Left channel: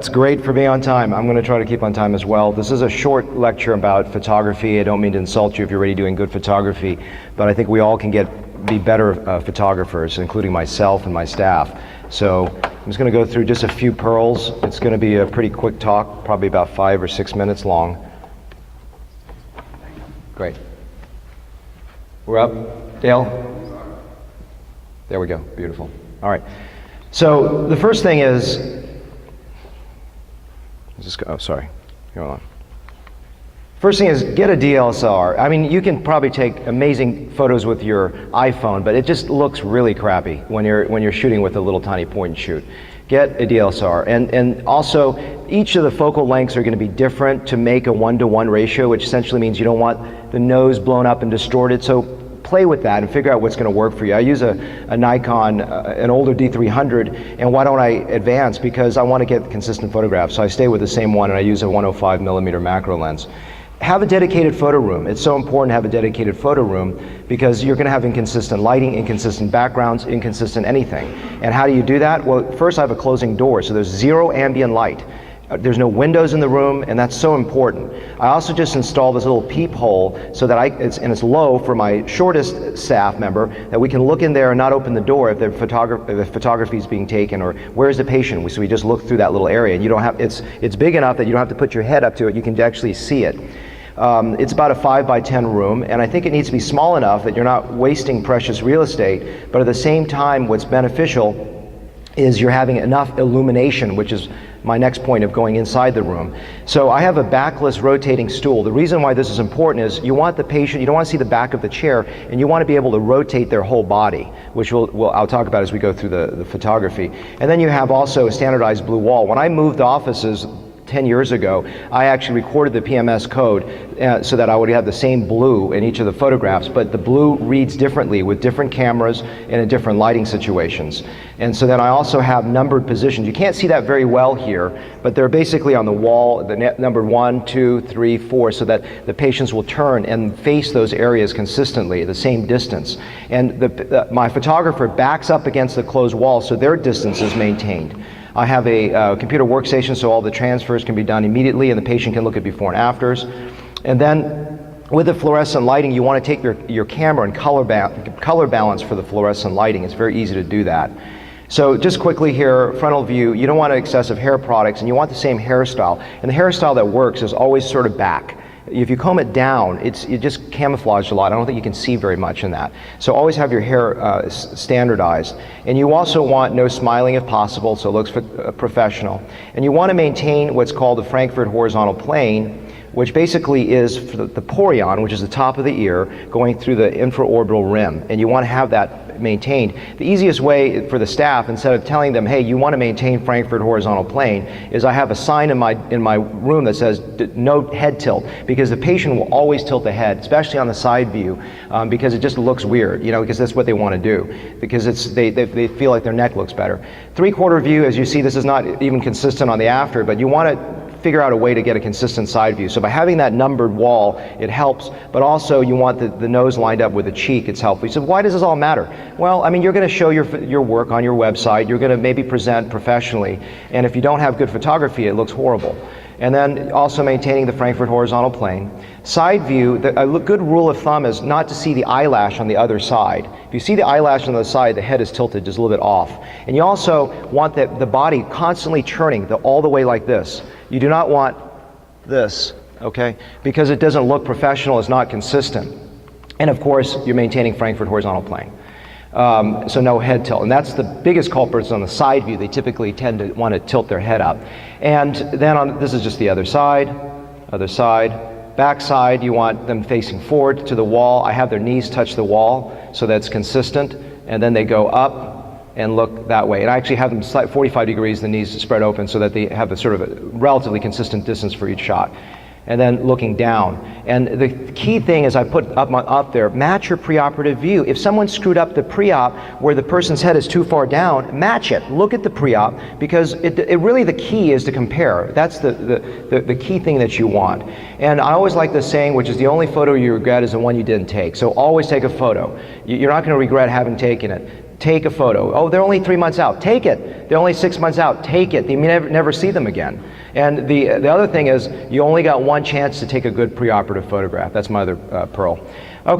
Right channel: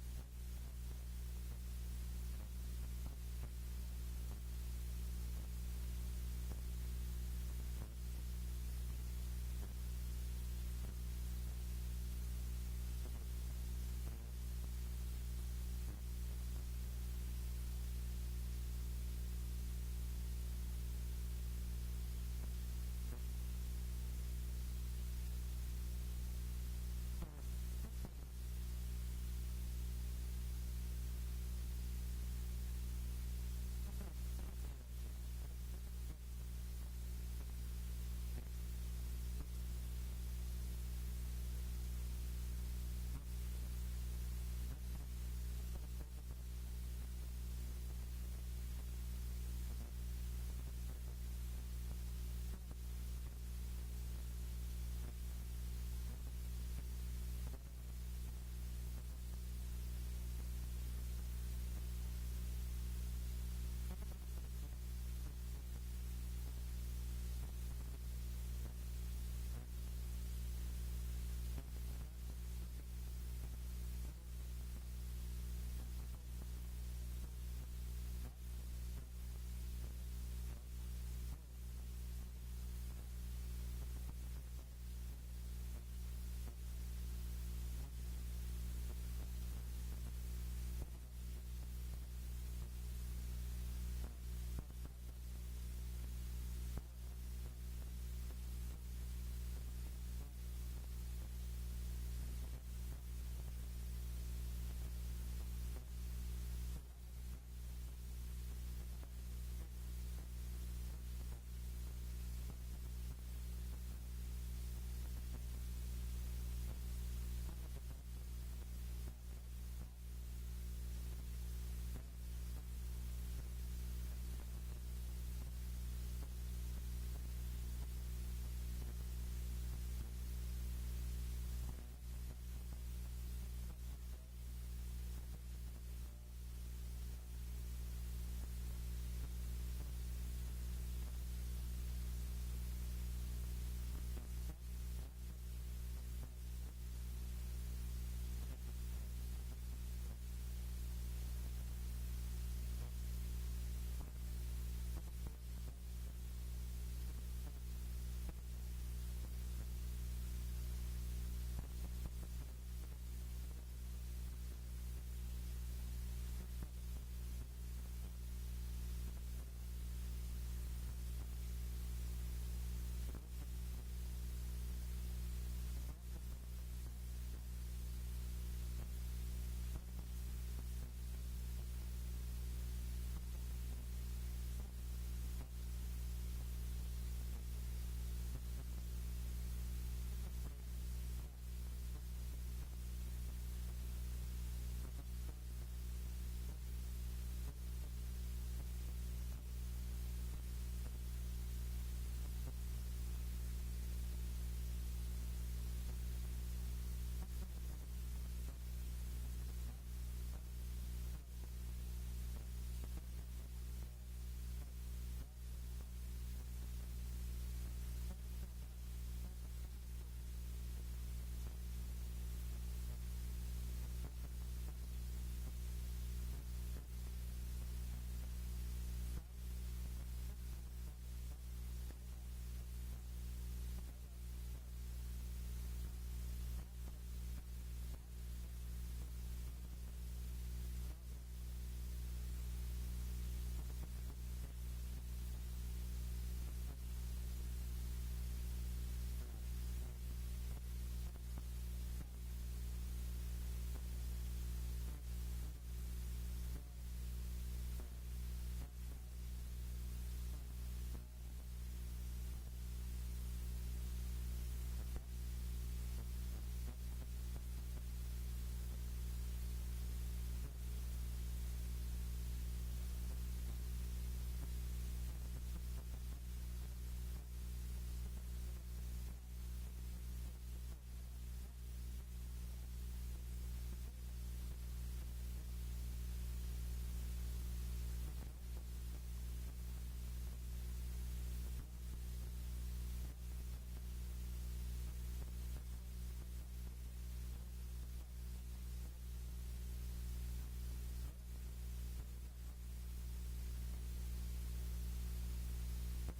That's great for me on time. I'm going to try to keep on time as well. This is a short lecture about photography. I don't mean to insult you if you're already doing good photography, but I think we all can be better photographers, including myself and my staff. So I'm just going to go through just a few pearls. It's going to be a pretty quick talk, probably about 5 or 6 minutes long. Great. We're up. Dale? There we go. Beautiful. All right. So the first thing is, oh, sorry. Hold on. First thing is, get a DSLR. I mean, you can probably take amazing photos with your iPhone, but it just looks really crappy when you're shooting with a little tiny point and shoot. Get a DSLR. And also, each of the focal lengths are going to be different to make a 1-to-1 ratio, which essentially means you don't want the nose blown up and distorted. So play with that and figure out what's going to work for you. I use a Nikon, an older D300, and why don't I advance? Because I want to get consistent photographs. So I stay with the same one, and I use a 105 millimeter macro lens. Have a dedicated photo room. It's so important to have a dedicated photo room because you're going to have inconsistent lighting, inconsistent backgrounds, inconsistent anything. And how do you do that? Well, first I have a closing door, so there's zero ambient light. There's no windows in the room, and that's so important. I also just installed this little peephole so that it's low for my shortest staff member, that we can look in there and not open the door if the photography is being taken, or where's the patient? So we just look through that little area, and you don't have, it's big enough that you don't have to put your head up to it, you can actually see it. It's about a 5 by 10 room, and I think it needs to be small enough that you're not wasting precious real estate, but at the same time what's beneficial is you're having enough illumination, which is my next point of going inside the room. So I have a backless rotating stool. The reason why this is important is you want the patient, you don't want to see the back of the chair, and you want to be able to rotate their whole body, which I'll talk about as we go through the photography. And then you have also a standardized blue wall. When I moved offices 10 years ago, I actually recorded the PMS code so that I would have the same blue in each of the photographs, but the blue reads differently with different cameras and in different lighting situations. And so then I also have numbered positions. You can't see that very well here, but they're basically on the wall, the number 1, 2, 3, 4, so that the patients will turn and face those areas consistently, the same distance. And my photographer backs up against the closed wall so their distance is maintained. I have a computer workstation so all the transfers can be done immediately and the patient can look at before and afters. And then with the fluorescent lighting, you want to take your camera and color balance for the fluorescent lighting. It's very easy to do that. So just quickly here, frontal view, you don't want excessive hair products and you want the same hairstyle. And the hairstyle that works is always sort of back. If you comb it down, it just camouflaged a lot. I don't think you can see very much in that. So always have your hair standardized. And you also want no smiling if possible, so it looks professional. And you want to maintain what's called the Frankfurt horizontal plane, which basically is the porion, which is the top of the ear, going through the infraorbital rim. And you want to have that maintained. The easiest way for the staff, instead of telling them, hey, you want to maintain Frankfurt horizontal plane, is I have a sign in my room that says no head tilt, because the patient will always tilt the head, especially on the side view, because it just looks weird, because that's what they want to do, because they feel like their neck looks better. 3/4 view, as you see, this is not even consistent on the after, but you want to figure out a way to get a consistent side view. So by having that numbered wall, it helps, but also you want the nose lined up with the cheek, it's helpful. You said, why does this all matter? Well, I mean, you're going to show your work on your website, you're going to maybe present professionally, and if you don't have good photography, it looks horrible. And then also maintaining the Frankfurt horizontal plane. Side view, a good rule of thumb is not to see the eyelash on the other side. If you see the eyelash on the side, the head is tilted just a little bit off. And you also want the body constantly churning all the way like this. You do not want this, okay? Because it doesn't look professional, it's not consistent. And of course, you're maintaining Frankfurt horizontal plane. So no head tilt. And that's the biggest culprits on the side view. They typically tend to want to tilt their head up. And then this is just the other side, back side, you want them facing forward to the wall. I have their knees touch the wall so that's consistent. And then they go up and look that way. And I actually have them 45 degrees, the knees spread open so that they have a sort of a relatively consistent distance for each shot. And then looking down. And the key thing is I put up there, match your preoperative view. If someone screwed up the pre-op where the person's head is too far down, match it. Look at the pre-op, because it really, the key is to compare. That's the key thing that you want. And I always like the saying, which is the only photo you regret is the one you didn't take. So always take a photo. You're not going to regret having taken it. Take a photo. Oh, they're only 3 months out. Take it. They're only 6 months out. Take it. You may never see them again. And the other thing is, you only got one chance to take a good preoperative photograph. That's my other pearl. Okay.